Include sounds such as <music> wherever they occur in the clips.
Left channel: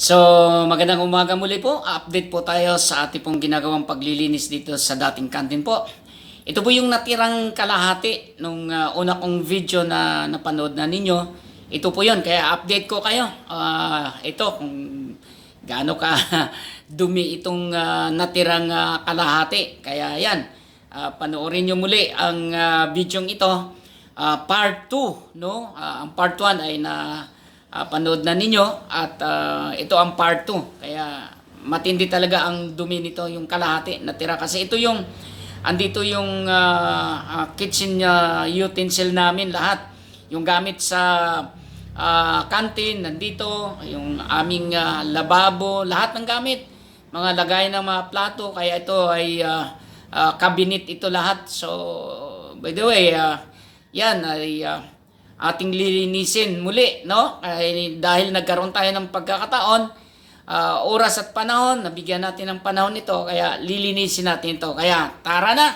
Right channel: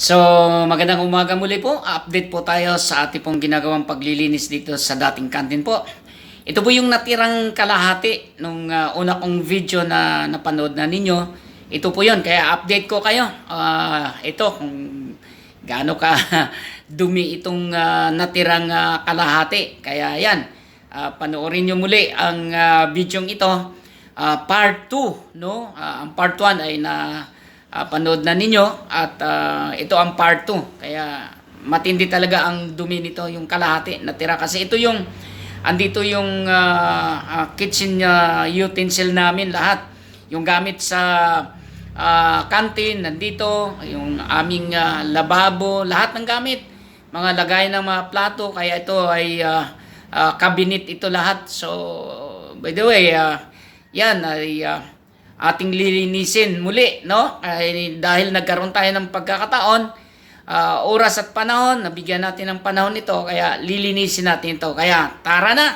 So, magandang umaga muli po. Update po tayo sa ating pong ginagawang paglilinis dito sa dating kantin po. Ito po yung natirang kalahati nung ah, una kong video na napanood na ninyo. Ito po yun, kaya update ko kayo. Ah, ito, kung gaano ka <laughs> dumi itong ah, natirang ah, kalahati. Kaya yan, ah, panoorin nyo muli ang ah, video ito. Ah, part 2, no? Ah, ang part 1 ay na ah, panood na ninyo at ah, ito ang part 2. Kaya matindi talaga ang dumi nito, yung kalahati natira kasi ito yung andito yung ah, ah, kitchen ah, utensil namin lahat. Yung gamit sa ah, canteen nandito, yung aming ah, lababo, lahat ng gamit, mga lagay ng mga plato kaya ito ay ah, ah, cabinet ito lahat. So by the way, ah, yan ay ah, ating lilinisin muli, no? Ay, dahil nagkaroon tayo ng pagkakataon, ah, oras at panahon, nabigyan natin ng panahon ito, kaya lilinisin natin ito. Kaya tara na!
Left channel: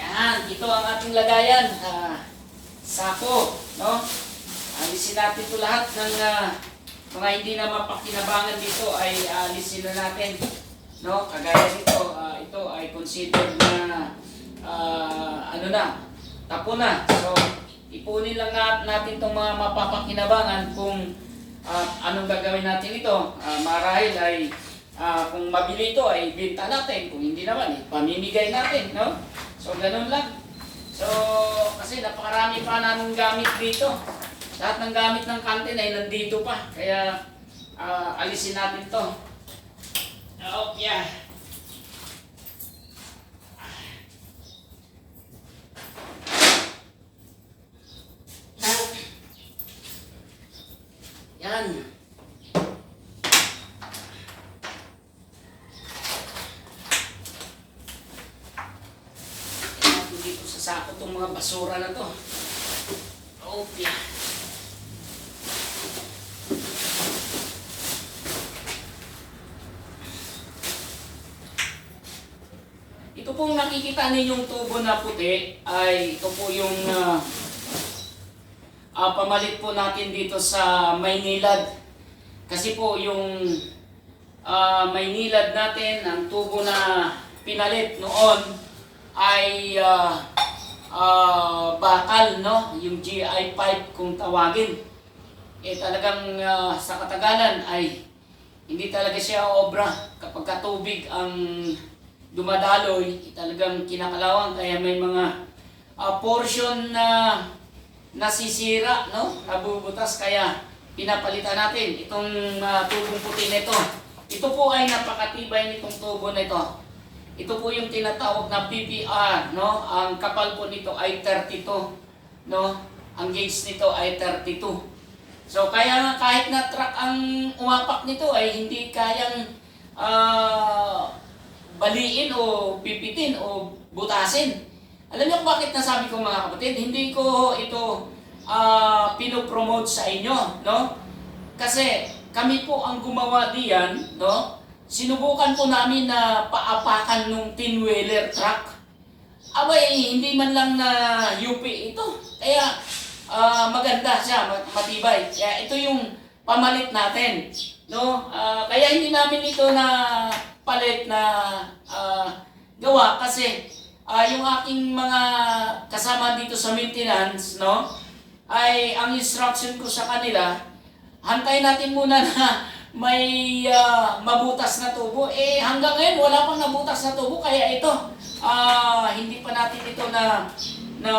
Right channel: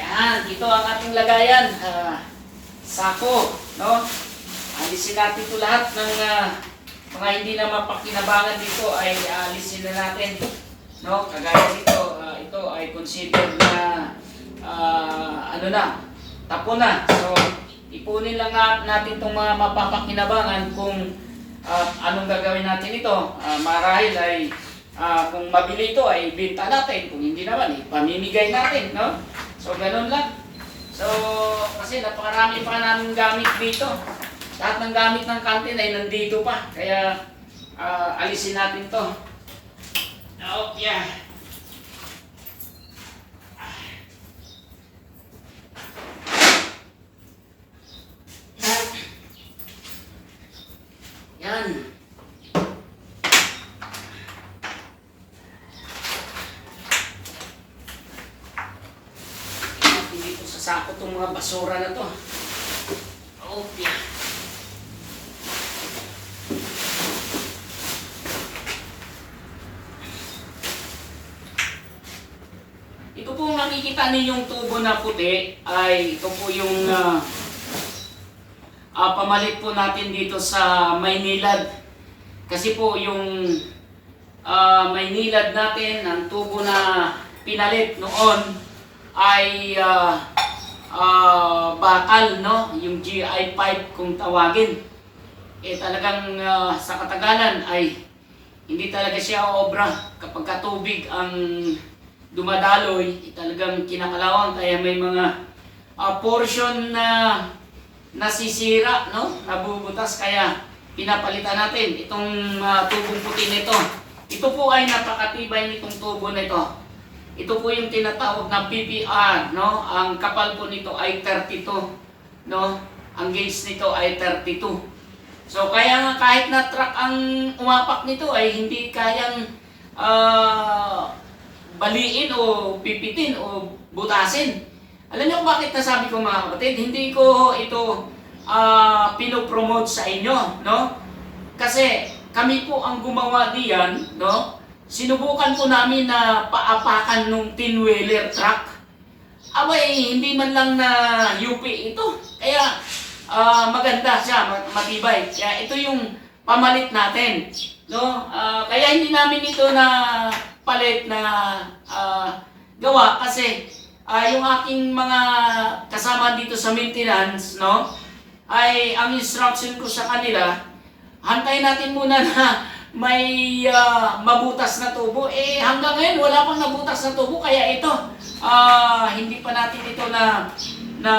Yan, ito ang ating lagayan. Ah, sako, no? Alisin natin ito lahat ng ah, mga hindi na mapakinabangan dito ay alisin na natin. No, kagaya dito, ito ay considered na ah, ano na, tapo na. So, ipunin lang na, natin itong mga mapapakinabangan kung ah, anong gagawin natin ito. Ah, marahil ay ah, kung mabili ito ay benta natin, kung hindi naman, eh, pamimigay natin, no? So, ganun lang. So, kasi napakarami pa namin gamit dito. Lahat ng gamit ng kantin ay nandito pa. Kaya, ah, alisin natin to. Oh, yeah. Yan. Natin dito sa sako itong mga basura na to. Yeah. Ito pong nakikita ninyong tubo na puti ay ito po yung ah, ah, pamalit po natin dito sa Maynilad. Kasi po yung ah, Maynilad natin, ang tubo na pinalit noon ay ah, ah, bakal, no? Yung GI pipe kung tawagin. Eh talagang ah, sa katagalan ay hindi talaga siya obra kapag katubig ang dumadaloy, eh, talagang kinakalawang kaya may mga ah, portion na nasisira, no? Nabubutas kaya pinapalitan natin itong ah, tubong puti nito. Ito po ay napakatibay nitong tubo na ito. Ito po yung tinatawag na PPR, no? Ang kapal po nito ay 32, no? Ang gauge nito ay 32. So kaya nga kahit na truck ang umapak nito ay hindi kayang ah, baliin o pipitin o butasin. Alam niyo kung bakit nasabi ko mga kapatid? Hindi ko ito ah, pinopromote sa inyo, no? Kasi kami po ang gumawa diyan, no? Sinubukan po namin na paapakan nung tin-wheeler truck. Abay, hindi man lang na UP ito. Kaya ah, maganda siya, mat- matibay. Kaya ito yung pamalit natin. No? Ah, kaya hindi namin ito na palit na ah, gawa kasi ah, yung aking mga kasama dito sa maintenance, no? Ay ang instruction ko sa kanila, hantay natin muna na may ah, mabutas na tubo. Eh hanggang ngayon wala pang nabutas na tubo kaya ito ah, hindi pa natin ito na na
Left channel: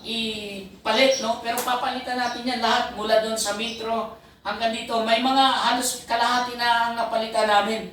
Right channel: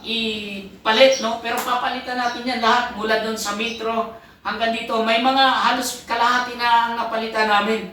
ipalit no pero papalitan natin yan lahat mula doon sa metro hanggang dito may mga halos kalahati na ang napalitan namin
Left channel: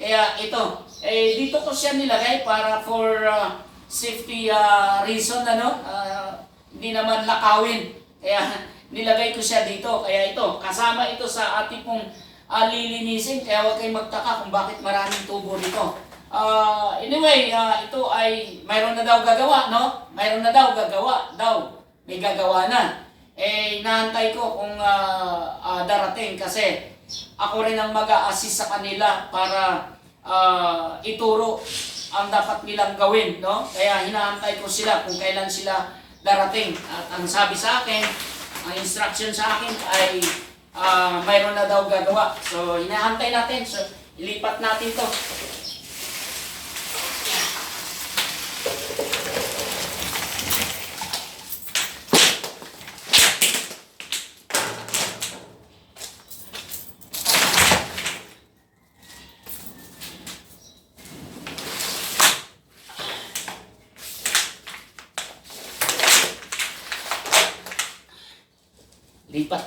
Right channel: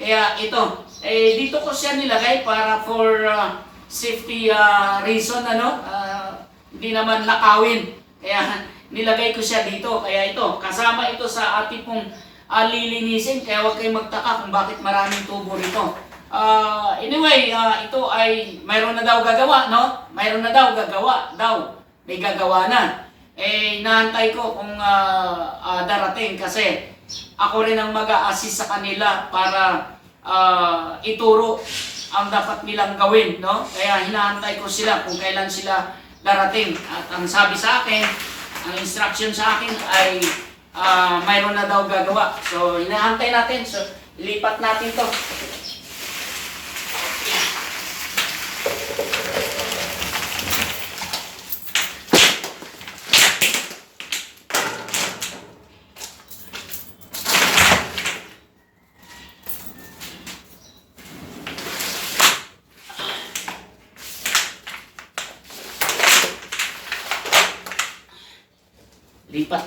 kaya ito eh dito ko siya nilagay para for ah, safety ah, reason ano ah, hindi naman nakawin kaya <laughs> nilagay ko siya dito kaya ito kasama ito sa ating pong ah, lilinisin kaya huwag kayong magtaka kung bakit maraming tubo rito Ah, anyway, ah, ito ay mayroon na daw gagawa, no? Mayroon na daw gagawa, daw. May gagawa na. Eh, inaantay ko kung ah, ah, darating kasi ako rin ang mag-a-assist sa kanila para ah, ituro ang dapat nilang gawin, no? Kaya hinaantay ko sila kung kailan sila darating. At ang sabi sa akin, ang instruction sa akin ay ah, mayroon na daw gagawa. So, hinahantay natin. So, ilipat natin to.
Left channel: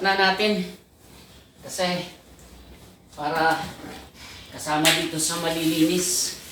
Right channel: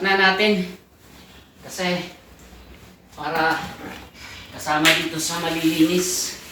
Na natin kasi para kasama dito sa malilinis.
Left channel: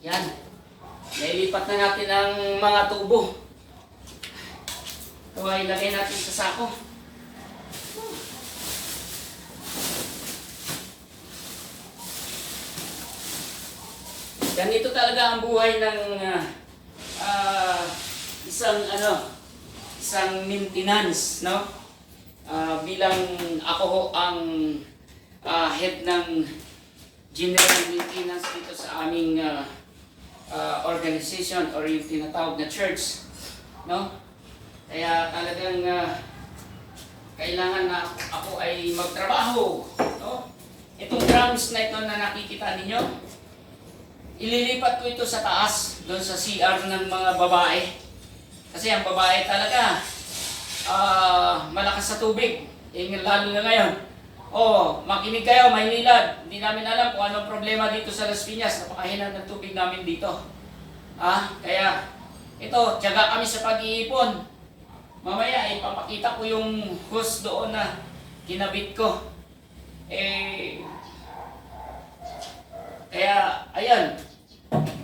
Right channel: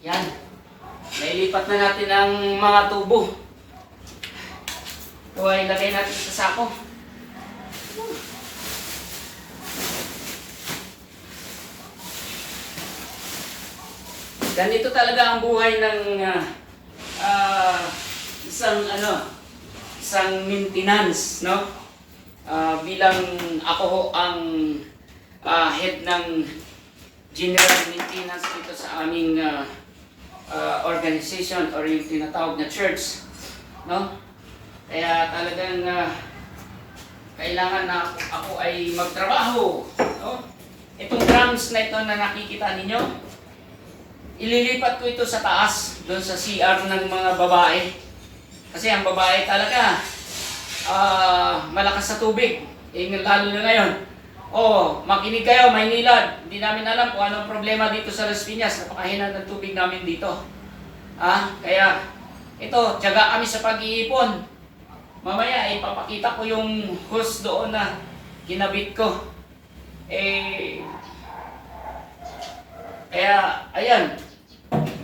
Yan. Nailipat na natin ang mga tubo. Ito ay ilagay natin sa sako. Ganito talaga ang buhay ng ah, ah, isang ano, isang maintenance, no? Ah, bilang ako ho ang ah, head ng general maintenance dito sa aming ah, ah, organization or yung tinatawag na church, no? Kaya talagang ah, kailangan na ako, ay magtrabaho, no? Itong drums na ito na nakikita ninyo, ililipat ko ito sa taas, doon sa CR ng mga babae. Kasi ang babae talaga, ah, malakas sa tubig. Eh, lalo na ngayon. Oh, makinig kayo, Maynilad. Hindi namin alam kung anong problema dito sa Las Piñas. Napakahina ng tubig namin dito. Ah, kaya ito, tiyaga kami sa pag-iipon. Mamaya, ipapakita ko yung hose doon na kinabit ko. Eh, kaya, ayan,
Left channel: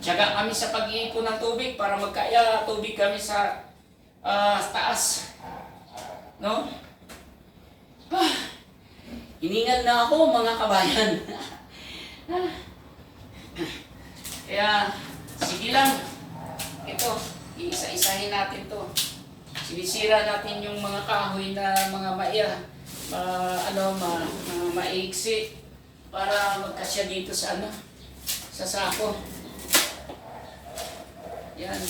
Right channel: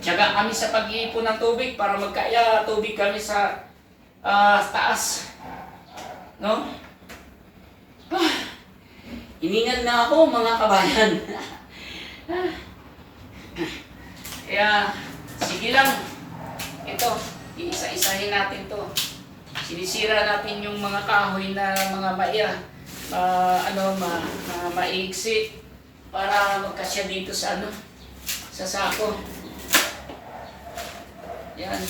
tiyaga kami sa pag-iipon ng tubig para magkaya tubig kami sa ah, taas. No? Hiningal na ako mga kabayan. <laughs> Kaya, sige lang. Ito, iisa-isahin natin to. Sinisira natin yung mga kahoy na mga maiya, ma, ano, ma, ma, maiksi para magkasya dito sa ano, sa sako. Yan.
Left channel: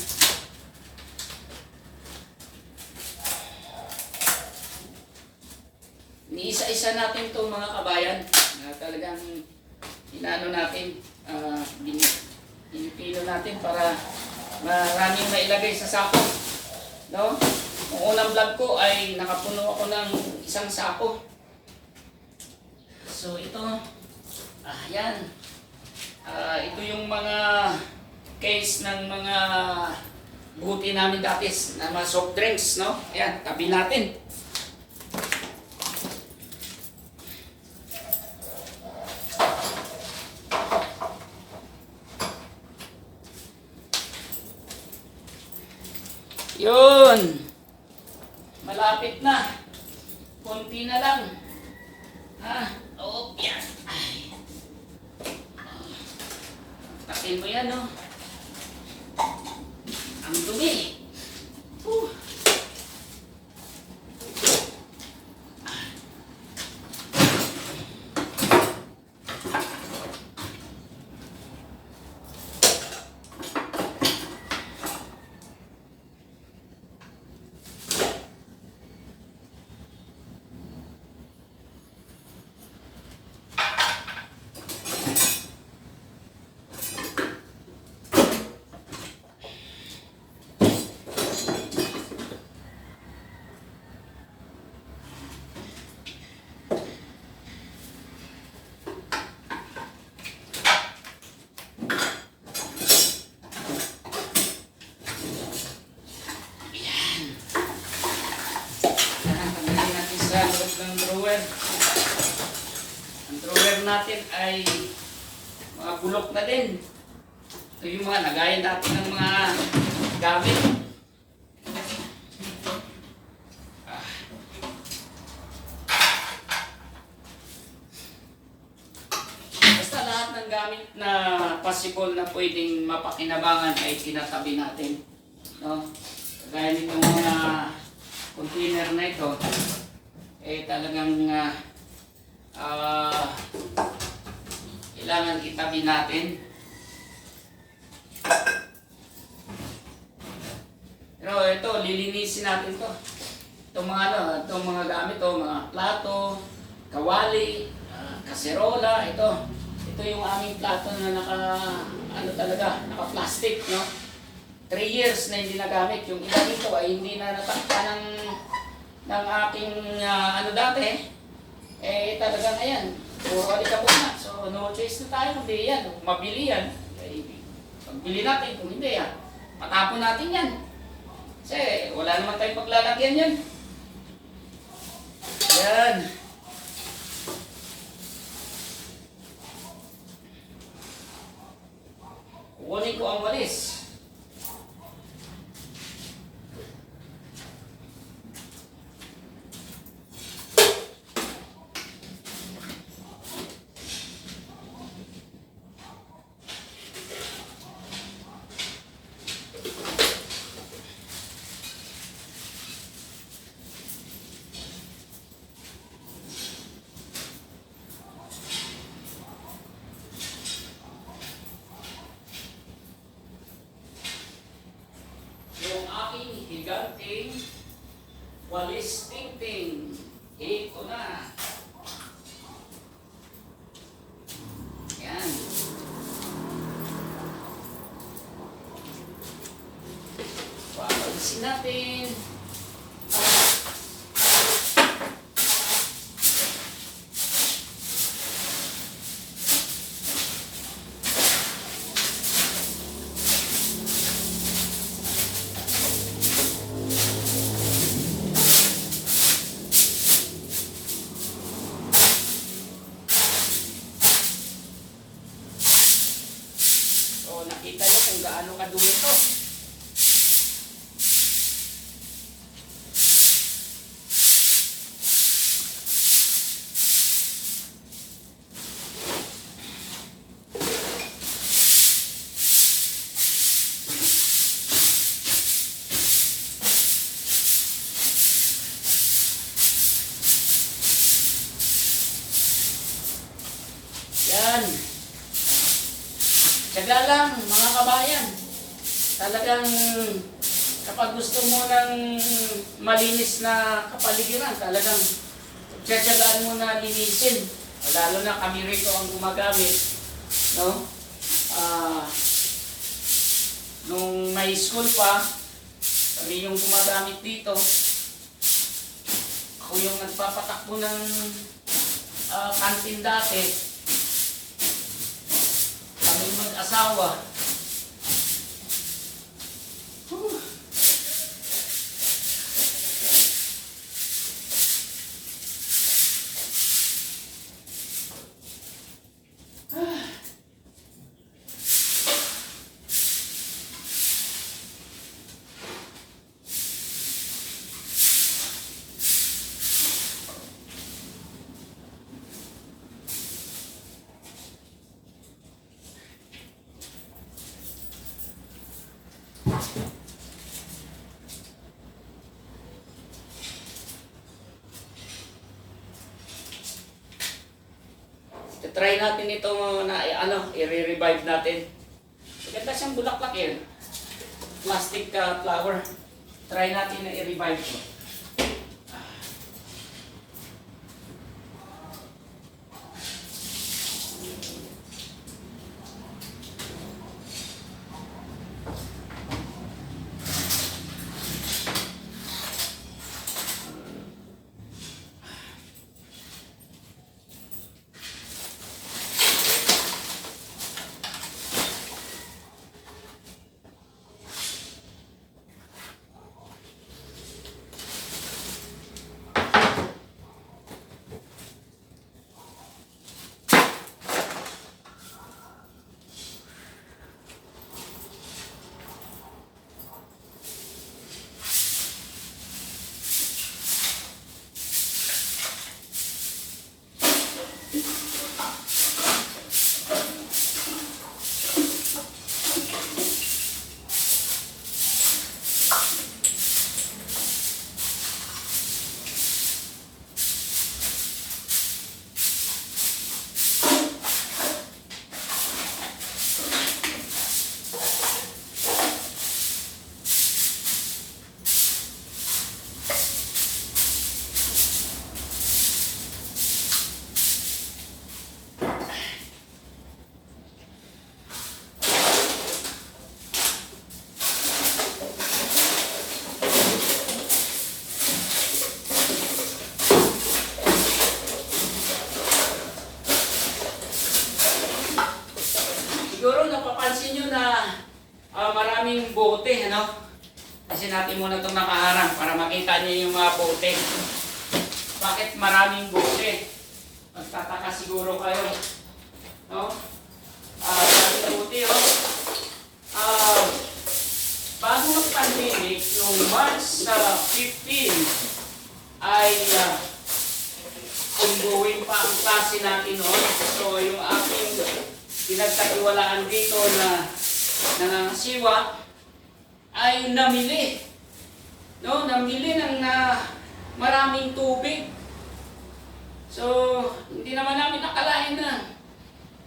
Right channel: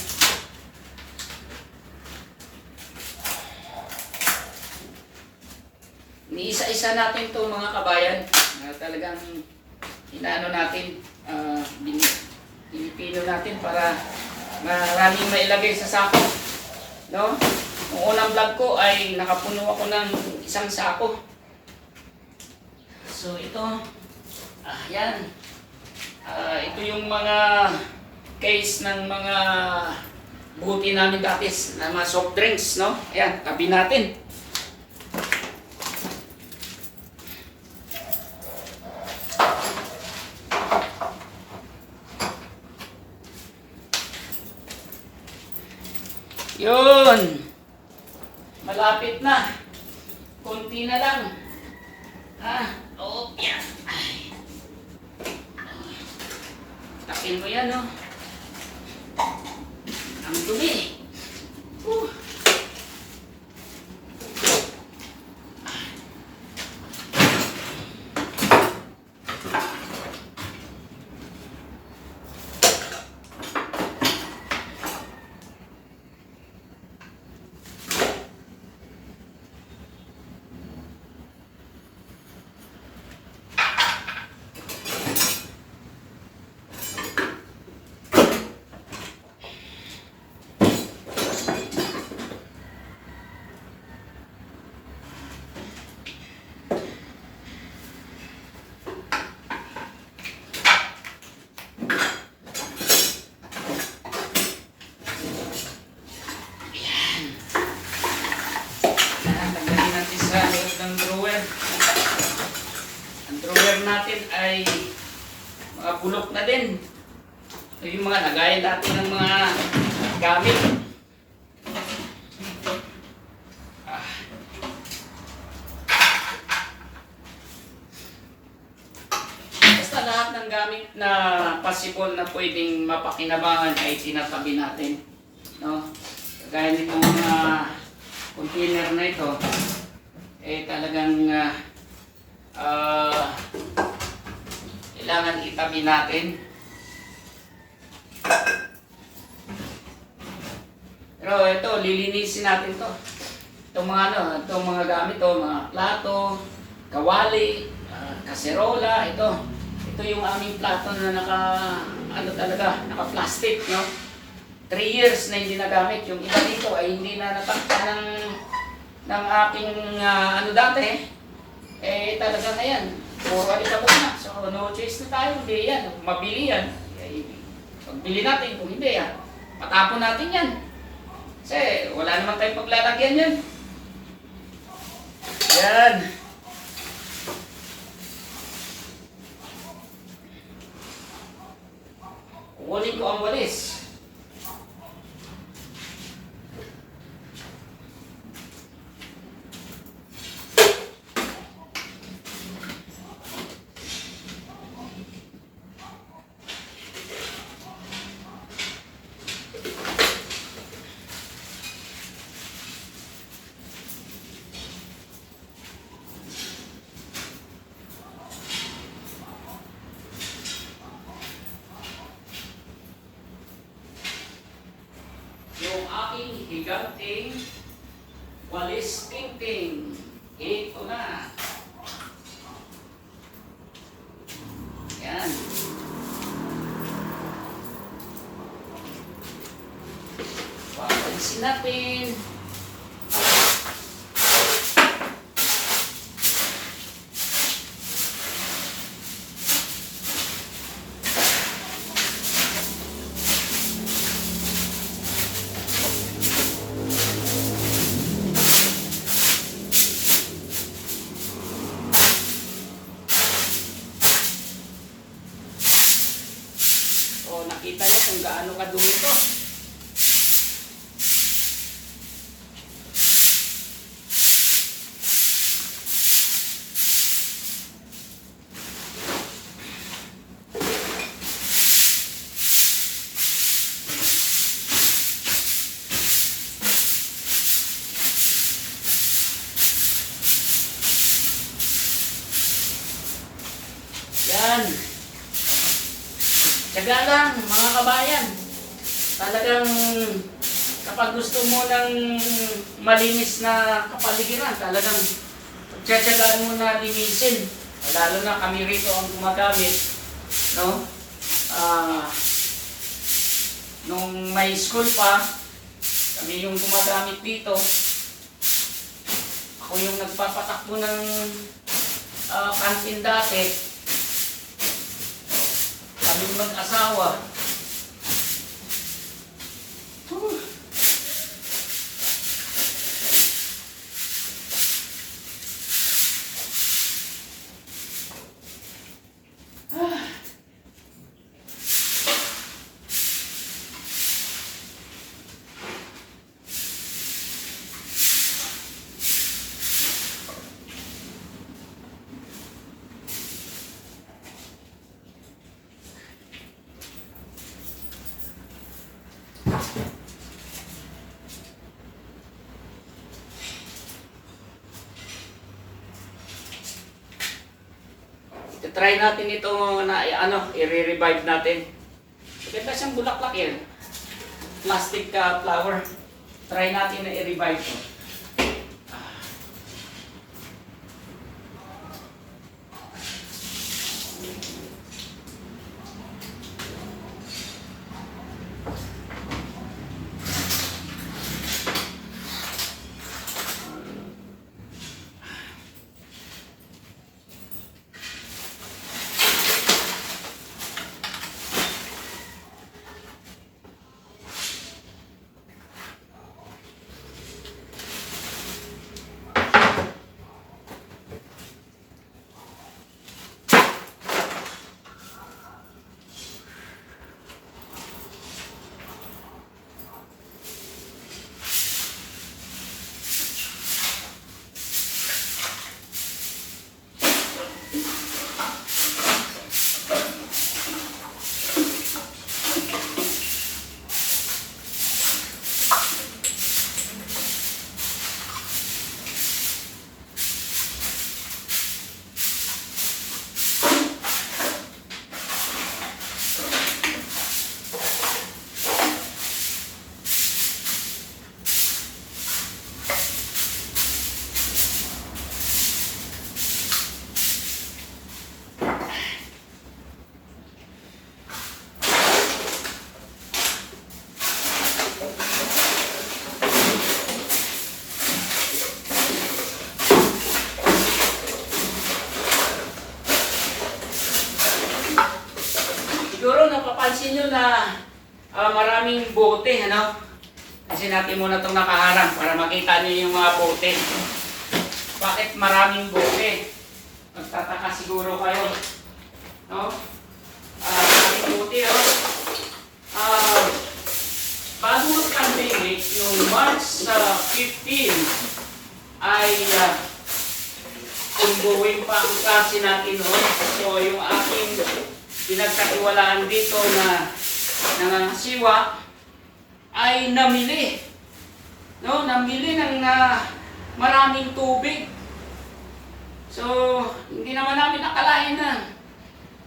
Niisa-isa natin to mga kabayan na talagang inaano natin, ah, bini- pinipino natin para maraming mailagay sa sako. No? Ang unang vlog ko ay nakapuno ako ng isang sako. So ito, ah, yan. Ah, ito yung mga case ng mga buti namin dati na mga soft drinks, no? Ayan, tabi natin. Bulok na din. Ito yung mga lagayan natin ng mga gamit. Ah. Basta lahat ng gamit na possible na pwedeng mapakinabangan ay tinatabi natin. No? Kagaya nitong mga container na ito, eh talagang ah, ah, kailangan itabi natin. Pero ito, lilinisin natin to. Itong mga ano, itong mga gamit to, mga plato, kawali, ah, kaserola, ito. Ito yung aming plato na naka, ano talaga, naka-plastic, no? 3 years na hindi nagamit. Yung iba dito ay hindi na natakta ng, ng aking, ah, ano dati, eh talaga na yan. Puro alikabok na. So no na tayo, hindi yan. Kung mabili yan, eh, pagbili natin. Kung hindi yan, matapon natin yan. Kasi wala naman tayong paglalagyan yan. Yan. Kukunin ko ang walis. yung aking higanting walis tingting. Ito na. Yan. Wawalisin natin. Tsaga lang, mga kabayan. Talagang kapag gusto mo ng malinis na kapaligiran, talagang tiyatsagaan mo na linisin. Lalo na kami rito ang gumagamit. No? Ah, nung may school pa, kami yung gumagamit dito. Ako yung nagpapatakbo ng ah, kantin dati kaming mag-asawa. Try natin ito na ano, i-revive natin. Maganda siyang bulaklak yan. Plastic ka flower. Try natin na i-revive ito. Maraming bote, ano? Kasi natin muna itong nakaharang para makita nyo yung mga bote. Bakit maraming bote? Magtataka siguro kayo. No? Ah, maraming bote, oh. Ah, bago mag-pandemic, yung March ah, 15, ay uh, ongoing pa ang klase natin noon. So, yung aking pinagkatiwalaan dito na nangangasiwa ay namili. No, namili ng na maraming tubig. So, hindi naman namin nakalain na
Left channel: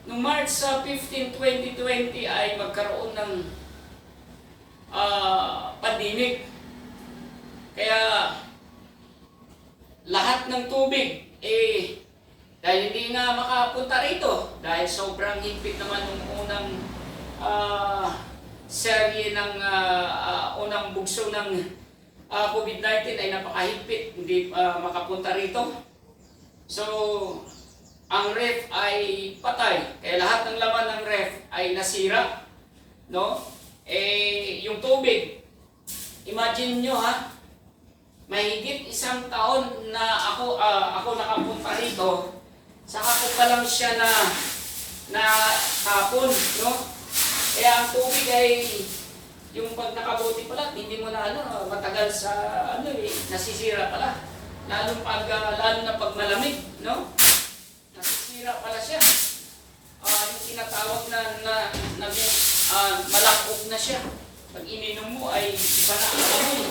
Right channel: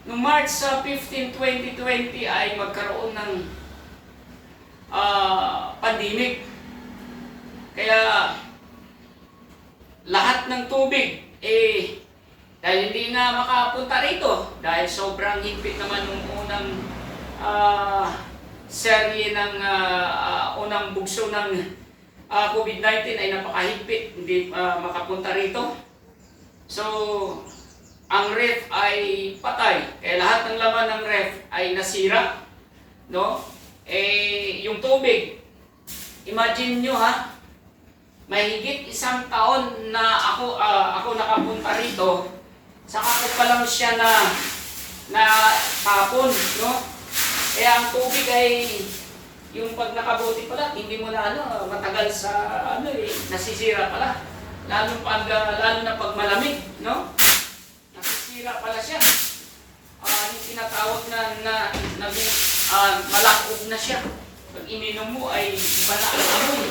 noong March sa 15, 2020 ay magkaroon ng ah, pandemic. Kaya lahat ng tubig eh dahil hindi nga makapunta rito dahil sobrang higpit naman nung unang ah, serye ng ah, ah, unang bugso ng ah, COVID-19 ay napakahigpit. Hindi ah, makapunta rito. So ang ref ay patay. Kaya lahat ng laman ng ref ay nasira no? Eh yung tubig imagine nyo ha? Mahigit isang taon na ako ah, ako nakapunta rito. Saka ko pa lang siya na na tapon no kaya ang tubig ay yung pag nakabuti pala hindi mo na ano matagal sa ano eh nasisira pala. Lalo pag ah, lalo na pag malamig no? Nasisira pala siya. Ah yung tinatawag na na naging ah, malakog na siya. Pag ininom mo ay iba na ang amoy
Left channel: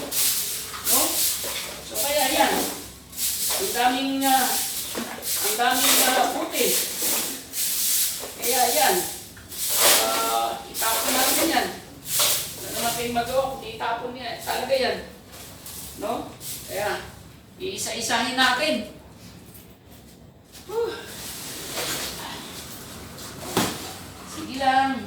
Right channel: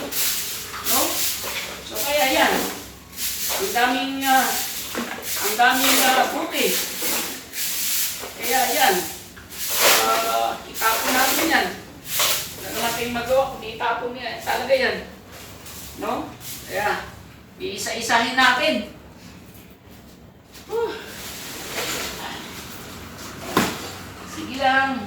no? So kaya yan, ang daming, ah, ang daming uh, buti. Kaya yan, uh, itapon natin yan. Wala natin magawa kung itapon niya, talaga yan. No? Kaya, iisa-isahin natin. Whew. Sige lang.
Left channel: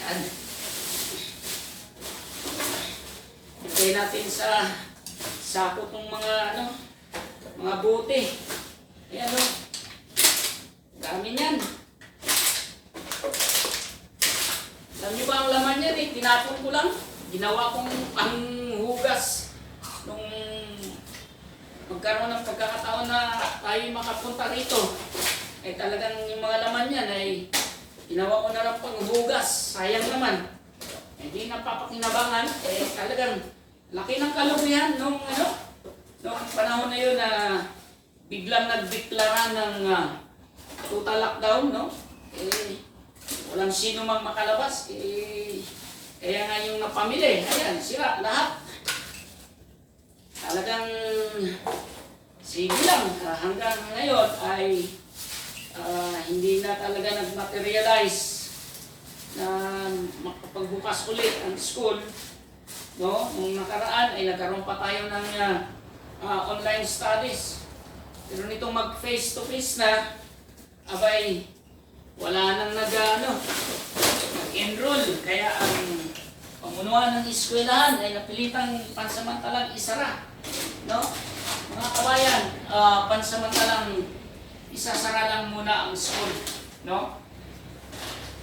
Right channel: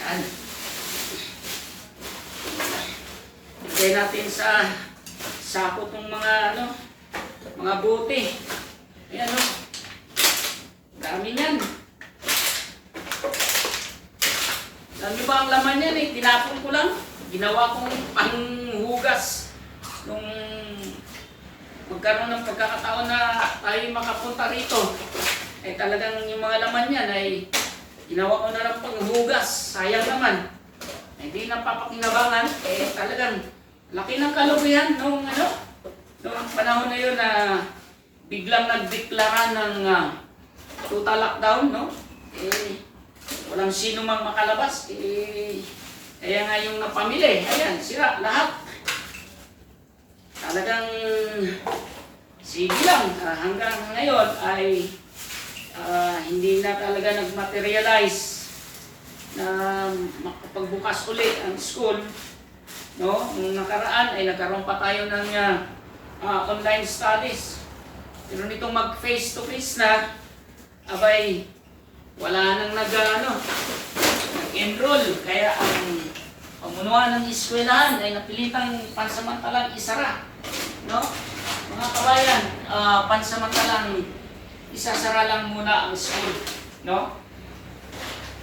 Yan. Lagay natin sa sako tong mga ano, mga bote. Ayan o. Dami niyan. Alam niyo ba ang laman niyan eh? Tinapon ko lang. Ginawa kong panghugas nung magkaroon ng pagkakataon na tayo makapunta rito. Eh talagang yung mga laman niyan ay Ginawa ko na lang panghugas. Sayang naman. Hindi na papakinabangan. Eh talagang laki ng kalukuyan nung ano, nung panahon na yun na biglang nagdeklara ng ah, total lockdown, no? Eh, walang sino mang makalabas. Eh, kaya nga yung napamili, ayan, sira lahat. Talagang sige lang, ah, hanggang ngayon ay ah, hindi na talaga nag-materialize na makapagbukas ulit ang school. No? Nung nakaraan ay nagkaroon pa tayo ng ah, online studies. Pero nitong mag face to face na, abay, wala nang nag, ano, nag-enroll. Kaya ang pamunuan ng eskwelahan ay napilitang pansamantalang isara. No? Mga kabayan, ah, pansamantalang isasara lang muna ang school, no?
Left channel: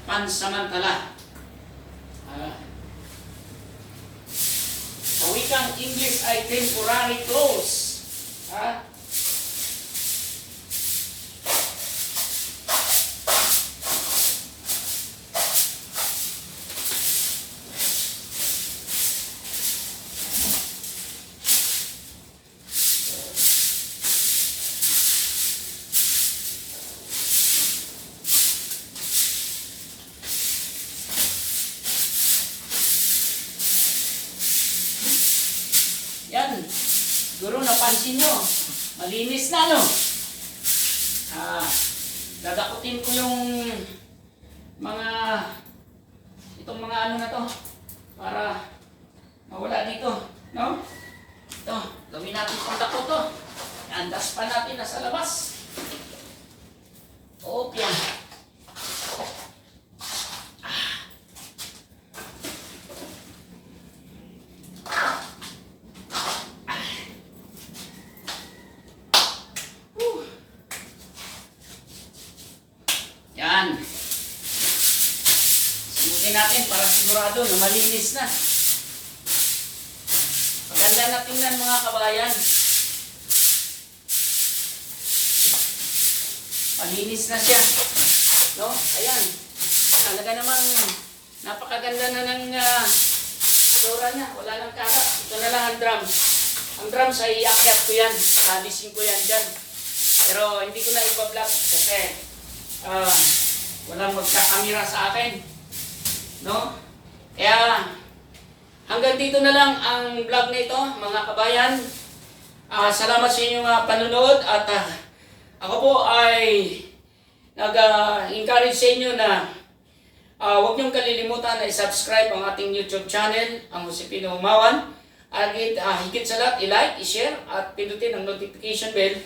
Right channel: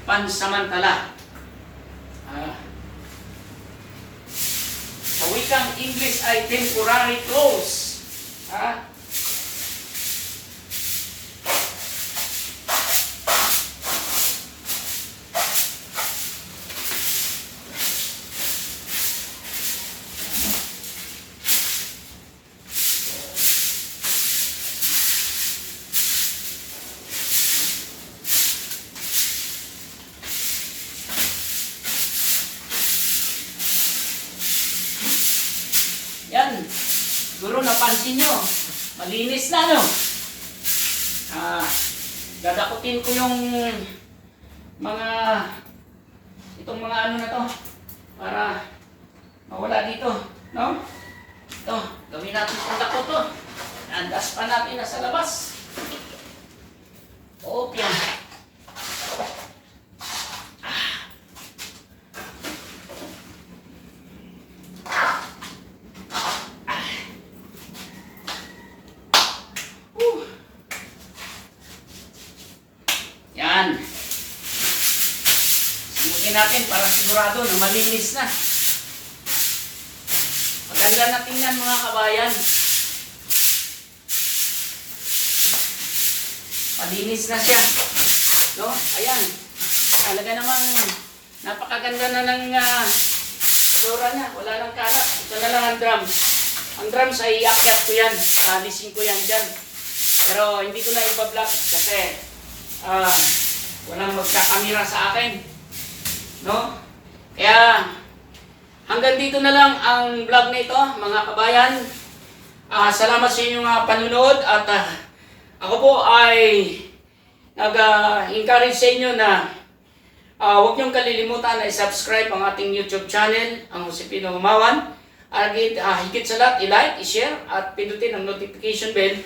Pansamantala. Ah. Sa wikang English ay temporary close. Ah. Yan. Siguro napansin nyo. Malinis na, no? Ah, dadakutin ko yung mga itong mga ano na to para mawala dito, no? Ito, gawin natin pang dako to. Andas pa natin nasa labas. Okay. Ah. Natin para sigurado na malinis na. Maganda na tingnan mga kabayan. Malinis na siya. No? Ayan. Talaga namang napakaganda na ng uh, niya. Wala nang kalat. Ito na lang ang drum. Ang drums ay iakyat ko yan. Alisin ko yan dyan. Pero hindi ko na ipa-vlog kasi ah, walang magkakamera sa akin. No? Kaya hanggang dito na lang ang vlog nito, mga kabayan. Ah, salamat sa inyong ah, panunood at ah, ako po ay nag-encourage sa inyo na ah, huwag niyong kalilimutan na i-subscribe ang ating YouTube channel, ang Josepino Umawan. At ah, higit sa lahat, i-like, i-share at pindutin ang notification bell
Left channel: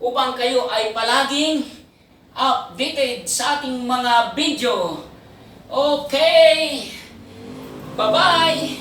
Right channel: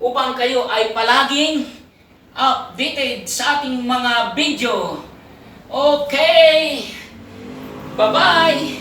upang kayo ay palaging updated sa ating mga video. Okay. Bye-bye.